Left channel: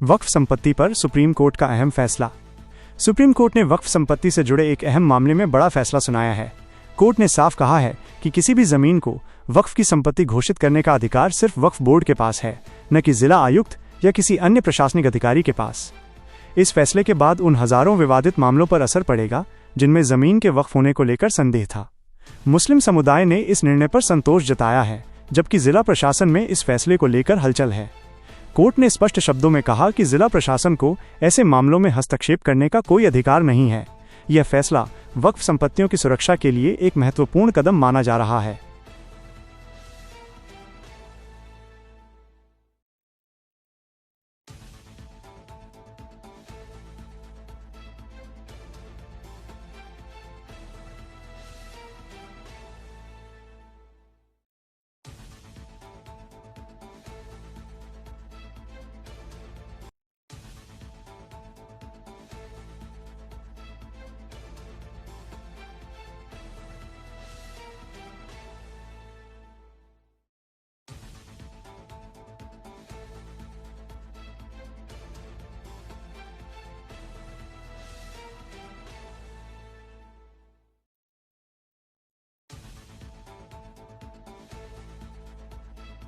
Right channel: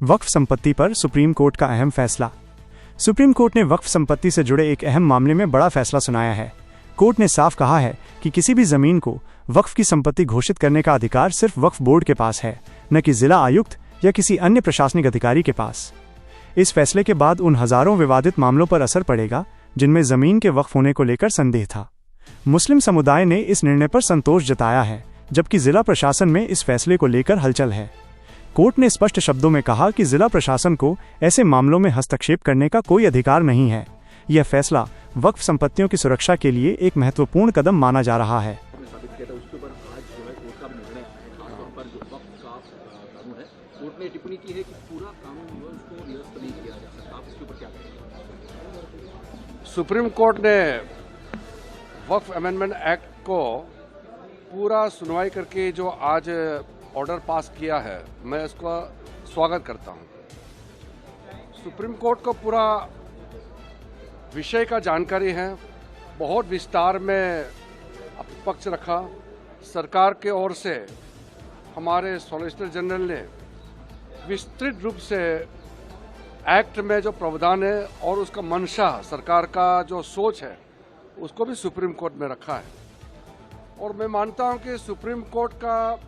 वक्फ संपत्ति पर supreme court का अहम फैसला। सुप्रीम कोर्ट ने वक्फ संपत्ति से जुड़े एक अहम मामले में बड़ा फैसला सुनाया है। कोर्ट ने साफ कहा है कि किसी भी जमीन को वक्फ की संपत्ति घोषित करने का अधिकार सिर्फ वक्फ बोर्ड के पास है, न कि जिला आयुक्त या किसी अन्य प्रशासनिक अधिकारी के पास। इस फैसले के बाद उन हजारों विवादित मामलों पर असर पड़ेगा जिनमें जमीन के वक्फ होने को लेकर संदेह था। मुस्लिम समुदाय ने इस निर्णय पर संतोष जताया है, जबकि जिला प्रशासन में इस फैसले को लेकर हलचल है। कोर्ट ने स्पष्ट शब्दों में कहा कि जिला प्रशासन को ऐसे मामलों में हस्तक्षेप करने का कोई अधिकार नहीं है। यह फैसला वक्फ संपत्तियों की सुरक्षा के लिए एक महत्वपूर्ण कदम माना जा रहा है। सुप्रीम कोर्ट ने वक्फ अमेंडमेंट एक्ट को पूरा सुनवाई करके जो आज ऑर्डर पास किया है, मैं इसका स्वागत करता हूं। सुप्रीम कोर्ट को पूरा विषय का जानकारी है, बहुत विस्तार में पक्ष रखा। सरकार के ओर से हमारे सॉलिसिटर जनरल ने विस्तृत रूप से एक्ट में जो प्रावधान है और उसका मंशा, सरकार का जो सोच है, उसको भी सुप्रीम कोर्ट में रखा है। और मैं मानता हूं कि सुप्रीम कोर्ट का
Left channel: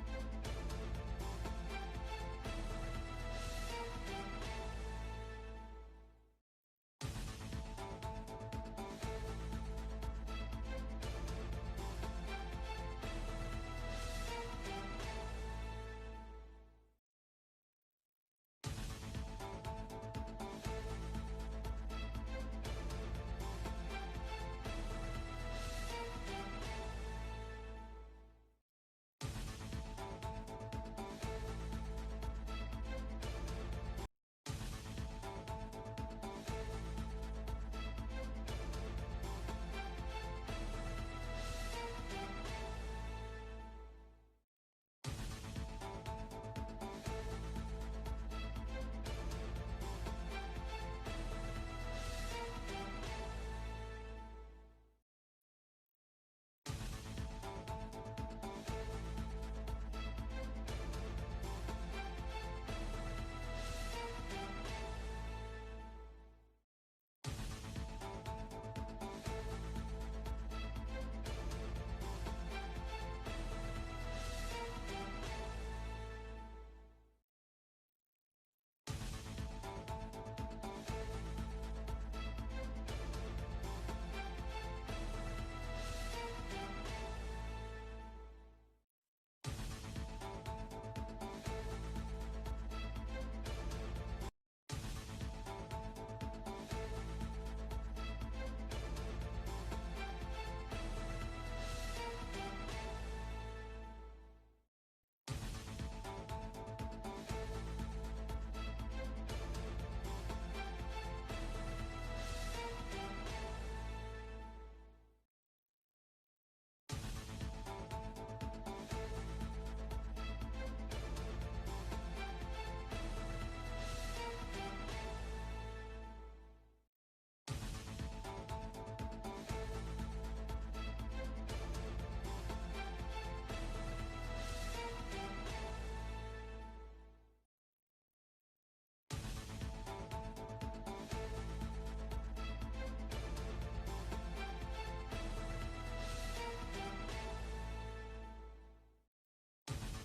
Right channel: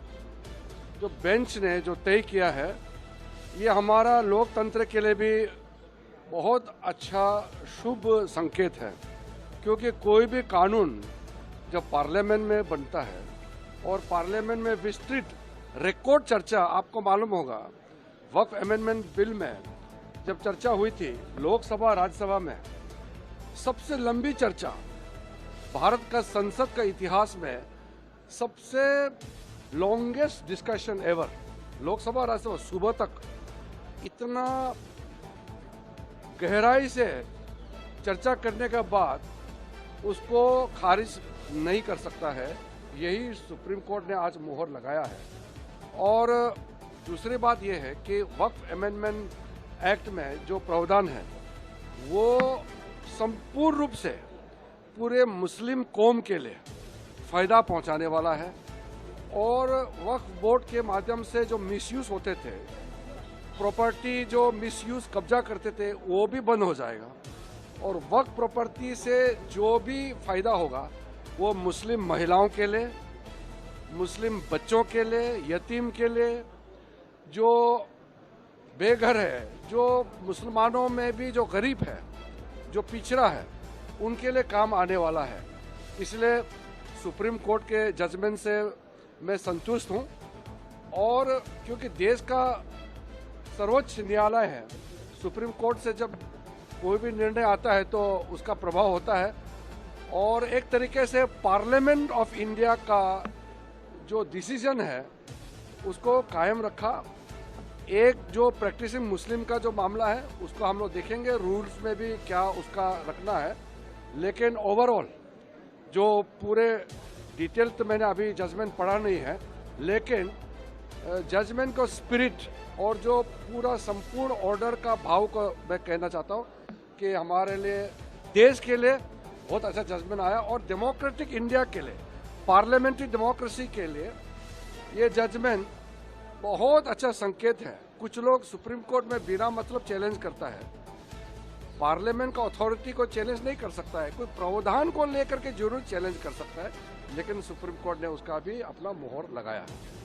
जो बेंच ने जो तय किया है, ये हमारा लोकतंत्र के लिए भी बहुत अच्छा शुभ संकेत है, क्योंकि कोई भी कानून जब पार्लियामेंट में बनता है और पार्लियामेंट में विस्तृत रिकॉर्ड चर्चा, आपको मालूम होगा वक्फ अमेंडमेंट बिल में जब चर्चा हुई थी लोकसभा राज्यसभा में, सबसे लंबी चर्चा भारत का संसद का इतिहास में, सबसे longest discussion ever, Lok Sabha Rajya Sabha सुबह तक इतना गहराई से चर्चा करने के बाद उसको खारिज नहीं कर सकता है। यही सुप्रीम कोर्ट ने आज मोहर लगाया है। और दूसरी बात यह है कि वक्फ अमेंडमेंट एक्ट में जो प्रावधान है वो संपूर्ण रूप से पूरे मुस्लिम कौम के लिए फ़ायदा पहुंचाने वाला है। और वक्फ बोर्ड के माध्यम से जो मिसयूज़ होते थे, प्रॉपर्टी जो मिसयूज़ कब्जा करते थे, वो भी बंद हो जाएगा। और वक्फ प्रॉपर्टी से जो भी फ़ायदा होगा वो मुस्लिम महिलाओं के लिए, मुस्लिम बच्चों के लिए, यतीम के लिए, जो बेघर है, जो मुसलमानों में भी जो गरीब है, जो पिछड़ा है, उनके लिए काम आने वाला है। इसलिए सुप्रीम कोर्ट के जजमेंट से मैं संतुष्ट हूं। और क्योंकि देश का सर्वोच्च न्यायालय है, सुप्रीम कोर्ट से जब कोई भी निर्णय आता है तो उसका प्रभाव होता है। और एक तरीके से पार्लियामेंट ऑफ इंडिया का जो डिसीजन है उसको कायम रखा। एक जो प्रैक्टिसिंग मुस्लिम का जो मामला है उसको हम लोग देखेंगे, रूल्स में भी क्या उसका रखना है। लेकिन ओवरऑल जो पूरे डिटेल तो मैंने अभी जजमेंट पढ़ा नहीं है, लेकिन जजमेंट को स्पिरिट और जो पूरा संपूर्ण ऑर्डर का भाव को मैं कहना चाहता हूँ कि हमारे लिए, देश के लिए बहुत अच्छा जजमेंट आया। और डेमोक्रेटिक इंडिया के लिए, पार्लियामेंट्री डेमोक्रेसी के लिए ये जजमेंट बहुत अच्छा संकेत है। कुछ लोग सुप्रीम कोर्ट में बिना मतलब चैलेंज करता है, पार्लियामेंट का अथॉरिटी को चैलेंज नहीं कर सकता है, कोई प्रावधान को लेकर के जरूर चैलेंज कर सकता है, लेकिन सुप्रीम कोर्ट ने उसका भी अपना मोहर लगाया है।